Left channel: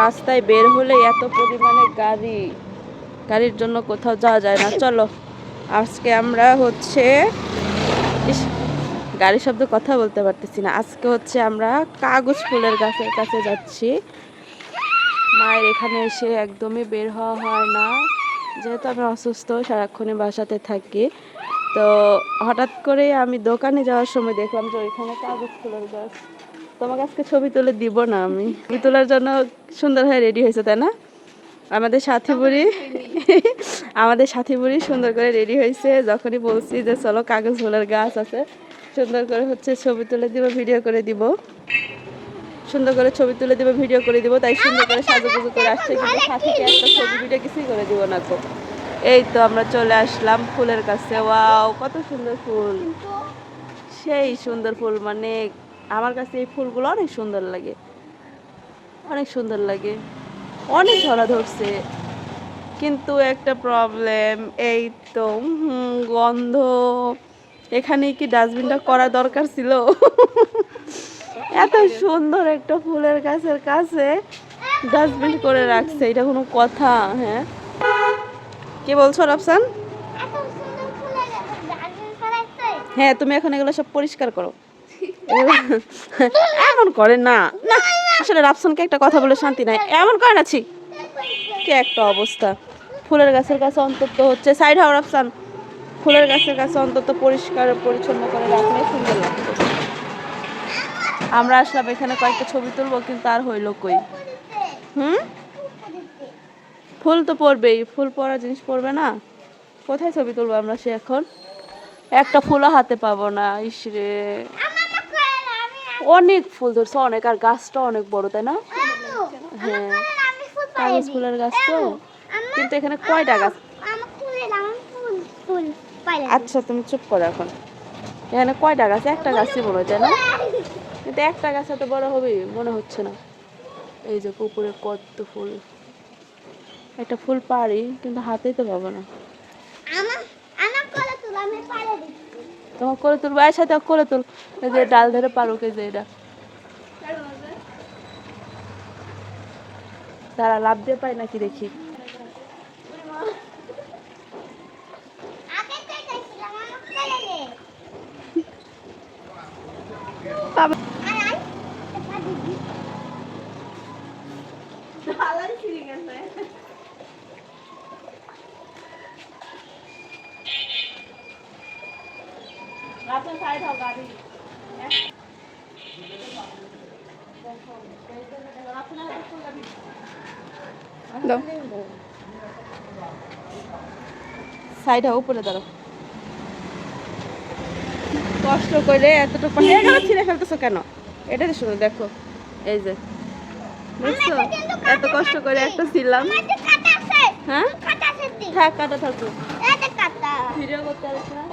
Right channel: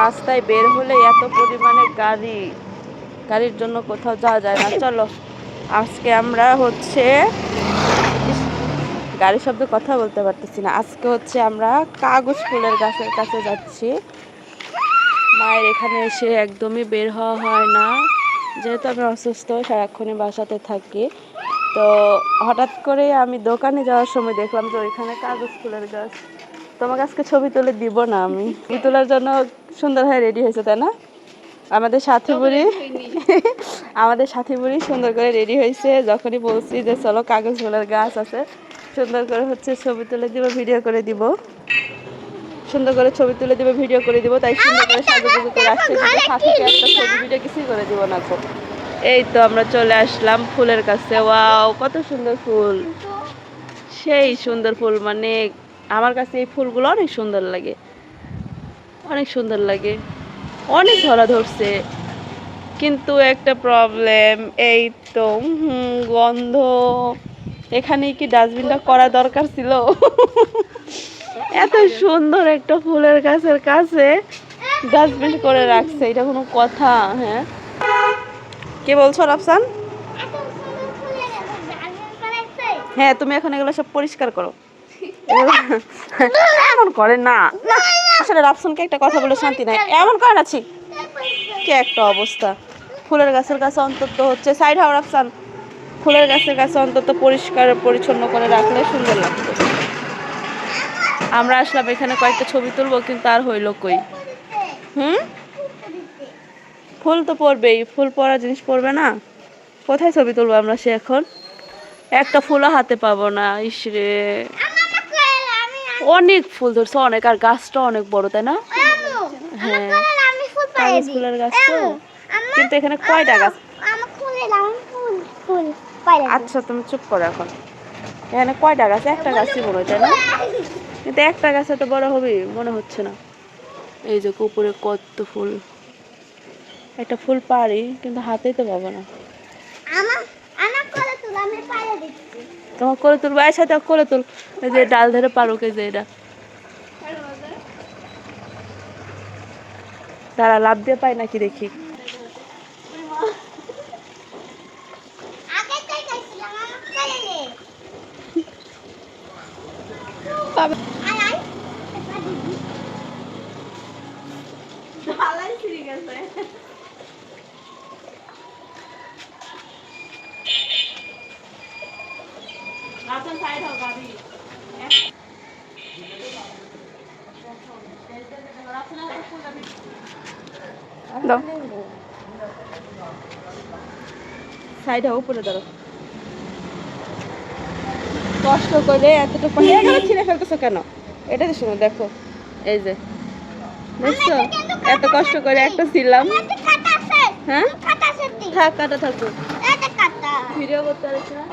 রাস্তায় বের হলে এত পরিমাণে গাড়ির জন্য কোথাও যাওয়া যায় না। চলো আজকে আমরা হচ্ছে গাড়ির শব্দ কথা বলতে পারতেছি না। আজকে হচ্ছে আমরা কাগজ ফুলের গাছের কাছে যাচ্ছি। মায়ের এখানে এসে একদমই বের হওয়া হয় না, যেহেতু আমি অসুস্থ, সারাক্ষণই বাসাতে থাকি। তো হঠাৎ করে আমি দোকানে যাওয়ার সময় দেখলাম যে ওইখানে কাগজ ফুলের গাছ। তোমাকে আজকে ছবি তুলে দিব না, আমি ছবি তোলার জন্য সুন্দর হয়ে রেডি হয়েছে, তাই না? আমাদের সাথী বুড়ি সুন্দর করে রেডি হয়েছে। যখনই বলছি যে চলো কাগজ ফুলের গাছ আছে, সুন্দর করে হচ্ছে ছবি তুলে দিব, ভিডিও করে দিব, সুন্দর করে ছবি তুলে দিব, ভিডিও করে দিব। তাই সুন্দর করে সাজুগুজু করে আসছে, কিন্তু সাথীকে একটা ছবি ভিডিও কিছুই করে দিব না। তো এই তো আমরা চলে আসলাম ফুলের কাছে। ওয়াও, কত সুন্দর ফুল, সেই সুন্দর ফুল। মানে আমার কাছে এই ফুলগুলো অনেক সুন্দর লাগে, অনেক সুন্দর লাগে, অনেক ধরা ধরছে। কিন্তু একটা প্রবলেম, এই তো গন্ধ। এখানে কি ডাস্টবিনটা করা দরকার ছিল? এত সুন্দর একটা ফুলের গাছের কাছে ডাস্টবিন করে রাখছে, এটা কোনো কথা? হ্যাঁ, কে বলছো রাফসান? হ্যাঁ, তুমি এখন এগুলো সব পরিষ্কার করো। এমন করে না, আসলে রাফসানকে একটা কথা বলে শান্তি নাই, এমন করে নাছি কি একটা অবস্থা। ফুলের গাছের কাছে অন্তত হচ্ছে সাইড হাও রাফসান, ফুলের গাছের কাছে অন্তত পরিষ্কার পরিচ্ছন্ন করে রাখলে সুন্দর লাগতো। আমরা আসলাম এখানে কয়েকটা ছবি তুলবো, কিন্তু আর হইলো কই। ফুল তো পড়বেই, ফুল পড়া জিনিস পড়বে না? কোথায় ছবি তুলবো আমরা সে এখন? একটা ফুলও হাতে পাবো না। ইসরে, অনেক ফুল ধরছে, অনেক, আর গাছটা অনেক বড়, তাই না? হ্যাঁ, কাগজ ফুলের গাছ তো, কিন্তু এখানে কয়টা গাছ? আচ্ছা তুমি চুপ করো এখন। এখানে কয়টা গাছ? একটা গাছই মনে হয়, তাই না? কিন্তু একটা গাছ এত বড় হবে মনে হচ্ছে না। এই যে উপরে কত ফুল, একটা ফুল পারি কিন্তু হাতেই তো পাবো না। তোমার করে তুলবো, এর সাথে করে তুল। এই যে ডাল ধরে পারুক, এই যে এটা তারা লাভ দিয়ে পায় নাকি দেখি। সাইডে উপরে ধরো, কষ্ট করে এতটুকু ছিঁড়ে ফেলতেছো কেন? এটা তো শুনো, দেখো, এই যে দেখছো, এত কষ্ট করে একটা ছিলাম। হ্যাঁ, থাক, কাটা থাকবো, ভিডিও করতে পারছি না।